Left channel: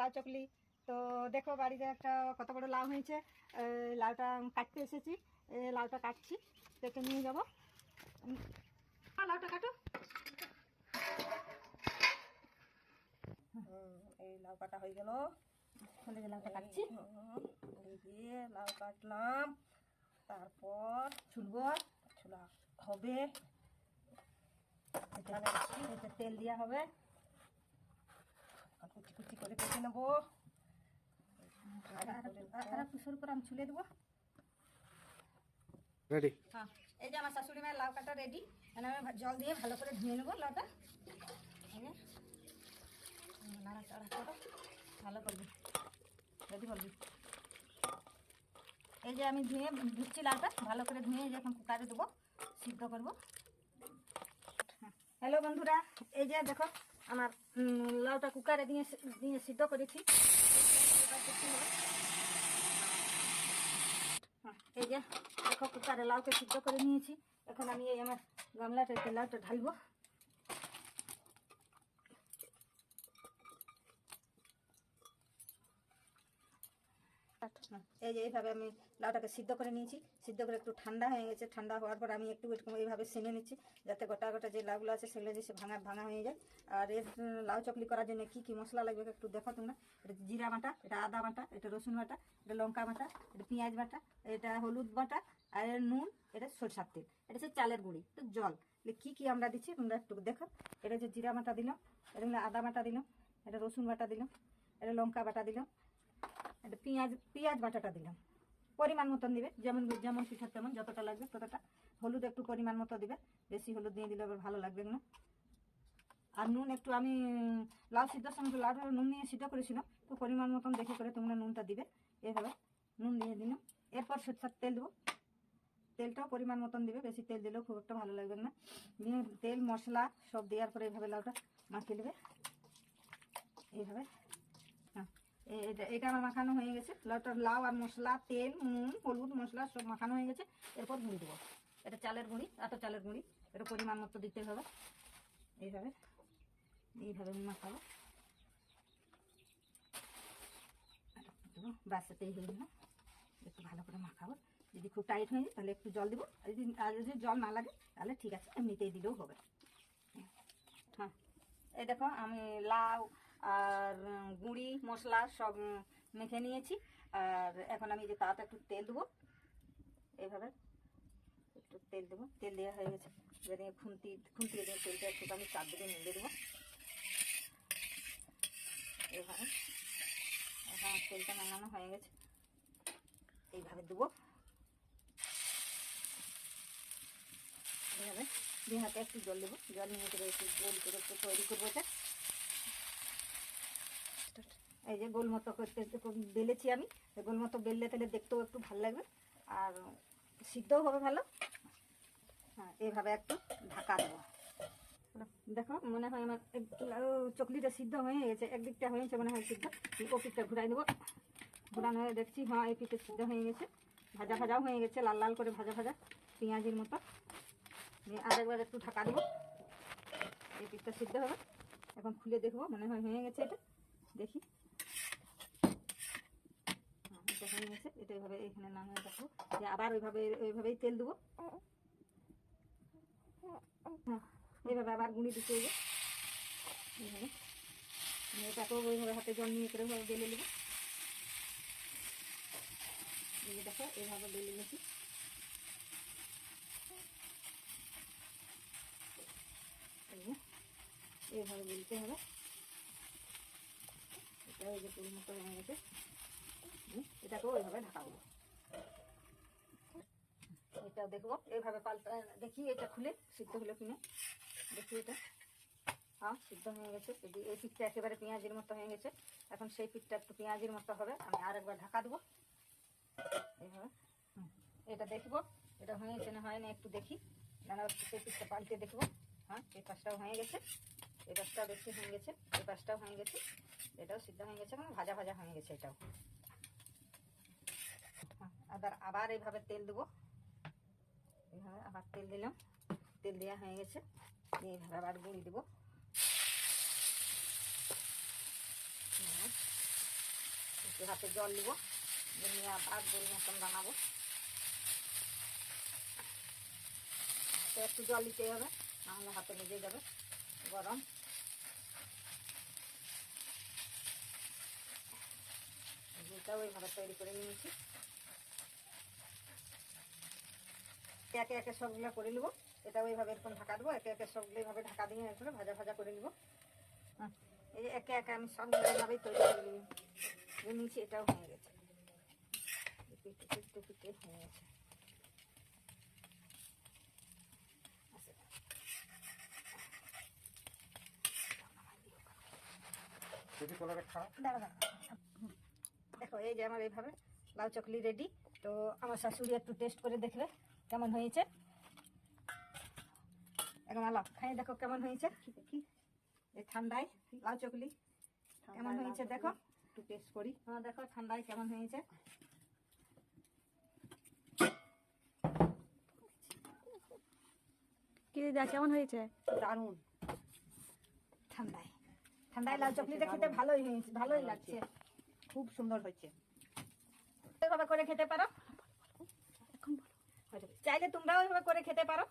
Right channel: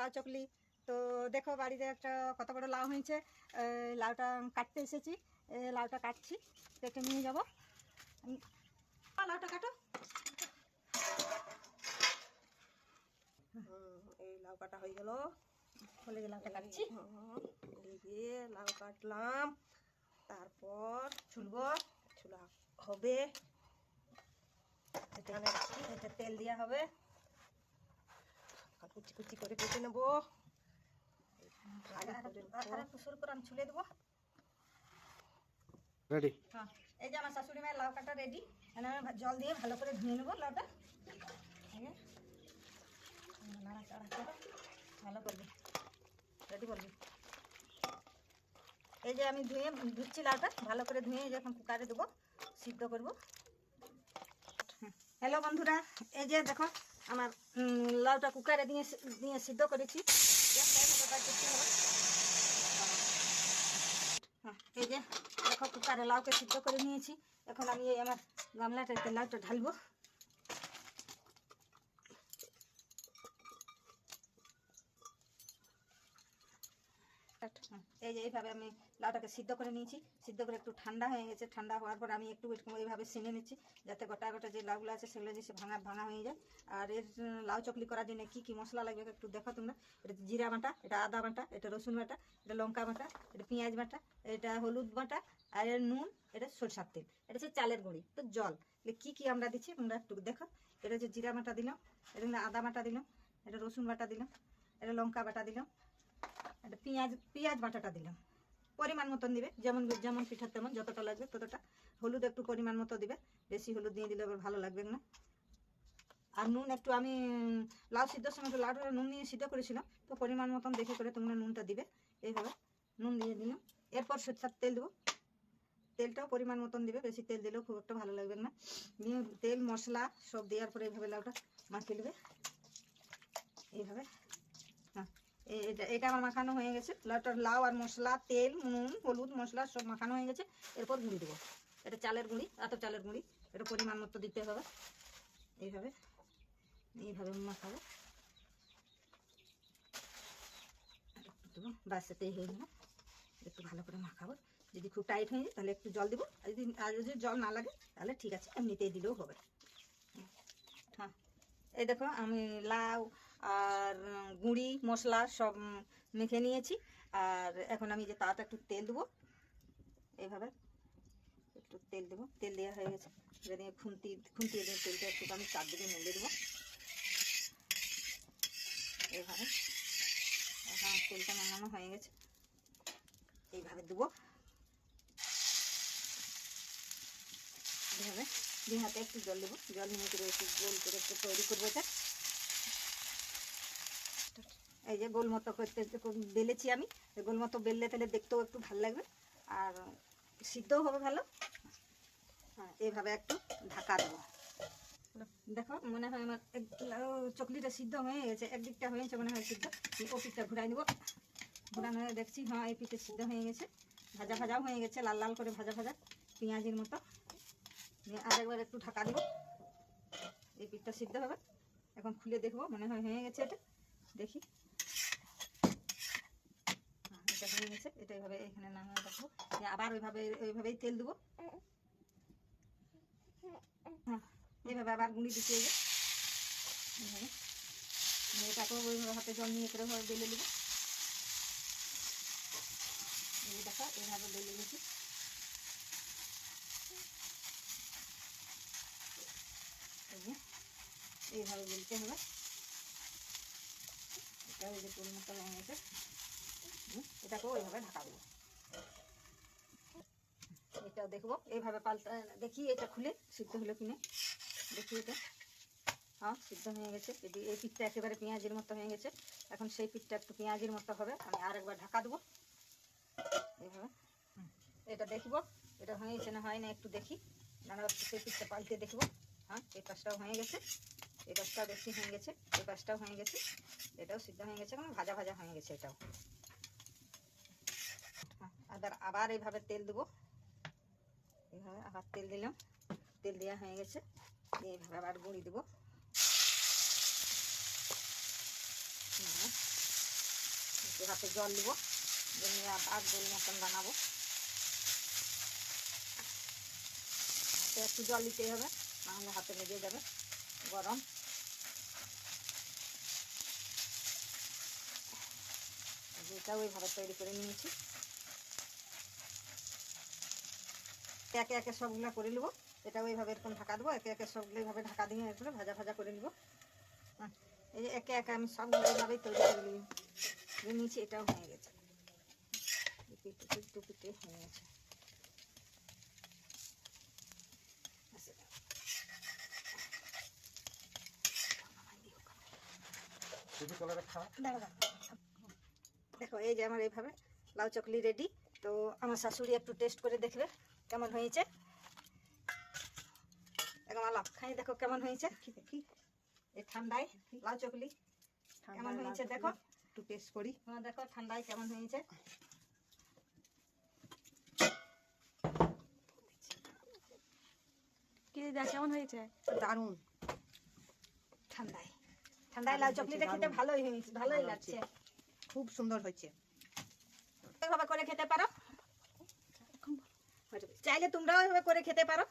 লাউ চকলি। তো দেখো বাড়িতে একটা কত বড় লাউ হয়েছে, লাউটা কাটতে এসেছি, লাউটা কাটছি, কেটে নিয়ে যাবো। লাউটা কাটো। এই লাউ কাটা হয়ে গেল, হলে যে লাউটা কাটছি, এই যে লাউ কাটলাম, তারপর ছুলবো, ছোলা হবে, এটা তেল দেওয়া হবে, কুচি কুচি করে কেটে নেবো। একটু শুরু করে আমি ছুলে দেবো। রেডি। হ্যাঁ, এই যে আমার শাশুড়ি মায়ের লাউ কাটা রেডি। আমি জল দিয়ে ভালো করে ধুয়ে নেবো লাউটা, নাড়াচাড়া করে ভালো করবি, রেডি করবি। এই যে আমি ধুচ্ছি লাউটা, ভালো করে ধুয়ে যখন কুকারে দেবো, সিদ্ধ করবো। হ্যালো বন্ধুরা, এই যে দেখো আমার লাউটা কুকারে দিয়ে সিদ্ধ করেছি। এই যে দেখো কুকারে লাউকে সিদ্ধ করে নিয়েছি। এখন আমি এই আমার গামলাটাতে লাউটা ঢালবো। এই যে এইভাবে আমি লাউটাকে সিদ্ধ করে নিয়েছি। সিদ্ধ করে একটু ঠান্ডা হয়ে গেছে। ঠান্ডা হওয়ার পর আমি একটু এইভাবে সেনে নিচ্ছি, যাতে গোটা গোটা যে লাউগুলো আছে সেগুলো যে ভাঙা হয়ে যায়। আর এর লাউ চকলি করার জন্য কি কি মশলা লাগবে একটু দেখো তোমরা। এটা জিরা বাটা, এটা আদা বাটা, এটা রসুন বাটা, এটা লঙ্কা বাটা, এটা পেঁয়াজ বাটা, এটা হলুদ বাটা, আর এর নুন, এটা সরষার তেল, এটা হচ্ছে চালের গুঁড়ি, তো জল। কি কি আমরা দিচ্ছি তোমরা একটু দেখো। এটা হচ্ছে জিরা বাটা দিলাম, এটা আদা বাটা দিলাম, এটা রসুন বাটা দিলাম, এটা লঙ্কা বাটা দিলাম, এটা পেঁয়াজ বাটাটা দিলাম। পরিমাণ মতন দিবে, যেমন যেমন পিঠা তেমন যতটা লাগবে ততটা। হলুদ একটু পরিমাণ মতো দিবে, বেশি হলুদ দিয়ে দিলে আবার ভালো লাগবে না। আর নুন একটু, আমি লাউ সিদ্ধর সময় একটু লাউটা নুন নিয়ে সিদ্ধ করেছিলাম, তো পরিমাণ মতন দেখে করে তোমরা নুনটা দিবে। এইভাবে নুন দিয়ে দিলাম। এরপর সরষের তেল দেবো, তেলটাও পরিমাণ মতন দিবে, বেশি তেল দিলেও খুব একটা ভালো লাগবে না। দিয়ে তেল মশলা সব দেওয়ার পরে এইভাবে লাউটা মাখিয়ে নেবে, এইভাবে। হ্যাঁ, এটা আমার মাখানো হয়ে গেছে। লাউ আর মশলা, তেল, নুন, হলুদ, মশলা সব মাখানো হয়ে গেছে। এরপর গুঁড়ি দেবো। এটা চালের গুঁড়ি, চালের গুঁড়ি, এটা পরিমাণ মতো দিতে হবে। এইভাবে মাখাবো, দেবো, বাস এতেই হয়ে গেল। একটু ভালো করে মাখাবো। যদি খুব টাইট হয়ে যায় তাহলে একটু জল দেবো, আর যদি জল না লাগে তাহলে ঠিক আছে, এমনিতেই দিলেও হবে। হ্যাঁ, এই দেখো আমি লাউ আর গুঁড়ি মশলা সব মেখে নিয়েছি। আর এখন আমি যে তাতে একটু তেল দেবো, এইভাবে একটু তেল দেবো। তেল দেওয়া হয়ে গেছে, যদি খুন্তি দিয়ে তেলটা একটু আমি চারদিকে নেড়ে দেবো এইভাবে। এখন তেলটা নামানো হয়ে গেছে, এইভাবে দেবো। এইভাবে দিয়ে হাতে একটু জল দেবো, জল নিয়ে করে একটু গোল করে একটু তৈরি করবো এটা। এই যে গোল মতো করতে বেলেছি আমি, গোল মতো বেললে তাহলে দেখতেও একটু ভালো লাগবে আর সিদ্ধও হবে ভালো। হ্যাঁ, এইভাবে একটু ঢাকা দেবো। দেখো মনে হয় আমার চকলিটা সিদ্ধ হয়ে গেছে, একদিকটা হয়েছে মনে হয় সিদ্ধ। ও পিঠটা ঘুরাই নেবো, ঘুরানো হয়ে দেখছি হ্যাঁ এই পিঠে সিদ্ধ হয়ে গেছে, ভাজাও হয়ে গেছে, লাল লাল করে ভাজা পেঁয়াজের মতো। আরেকবার একটু ঢাকা দেবো, এই পিঠটা সিদ্ধ হবে। এখন খুলে দেখবো, মনে হয় হয়ে গেছে। এটা দেখি, এটা হয়ে গেছে। এটা এইভাবে এখানে নামিয়ে রাখবো, আবার ওইভাবেই তেল দেবো। হ্যাঁ, এইভাবে আবার গুঁড়ি দিতে হবে। এইভাবে এটাকে ওইভাবে হাতে জল নিয়ে করে বেলে নেবো। এই দেখো এইভাবে বেলে নিয়েছি। এইভাবে বেলতে হবে। এটা ওই যে পুরো মতো হয়ে গেছে, এটাকেও ওইভাবে ঢাকা দেবো। এটাও দেখবো, এইভাবে পাল্টা দেখি এটা খুলে সিদ্ধ হলো কিনে দেখি। এটা হ্যাঁ সিদ্ধ হয়ে গেছে। এই পিঠটা একেবারে পেঁয়াজের মতো হয়ে গেছে। এখন সেই পিঠটা একটু পেঁয়াজের মতো হবে, আমি আরেকবার ঢাকা দেবো এইভাবে। এটা দেখবো এটা হয়েছে না হয় না একটু দেখি, নানা সেই পিঠটা পাল্টে দেখবো। হ্যাঁ, এই পাশটাও হয়ে গেছে, এই পাশটাও দেখছি হয়ে গেছে, এই পাশটাও হয়ে গেছে, এটাও সিদ্ধ হয়ে গেছে এবং ভাজা হয়ে গেছে এটাও। আবার এইভাবে তেল দেবো, এইভাবে আবার তেল দিলাম, তেল দেওয়া হয়ে গেছে। এইভাবে আবার গুঁড়ি দেবো, একটু হাতে জল নেবো, নিয়ে আর গোল মতন বানাবো। হাতে একটু জল দিতে হবে, নাহলে হাতে লেগে যাবে, গরম। এটা ওইভাবে তৈরি করে নিয়েছি। একে একে সবগুলো করে নেবো। এটা ওইভাবে এরকম ঢাকা দেবো, একে একে সবগুলো এইভাবে ঢাকা দিয়ে এরকম ভাজা ভাজা করে নেবো। এই যে একে একে আমি সবগুলো এইভাবেই তৈরি করে নিয়েছি। এটাও হয়ে গেছে, টুপিকে হয়ে গেছে। দেখো এই যে আমার এইভাবে লাউ চকলি রেডি। তো আমার শাশুড়ি একটু টেস্ট করে দেখবে কেমন হয়েছে। এখন আলাপ খাই, দেখো কেমন হয়েছে। দেখি এই ঠান্ডায় লাউ চকলি কেমন হয়েছে দেখো, একটু টেস্ট করি। হ্যাঁ দেখো ঠান্ডায় কেমন হয়েছে। কি দিদা কেমন হয়েছে? দারুণ। ঠান্ডায় ঠান্ডায় লাউ চকলিটা খেতে ভালোই হয়েছে, ভালোই লাগছে। খুব সুন্দর হয়েছে। এভাবে করে খেতে পারো, চাইলে তোমরাও এভাবে করে খেতে পারো।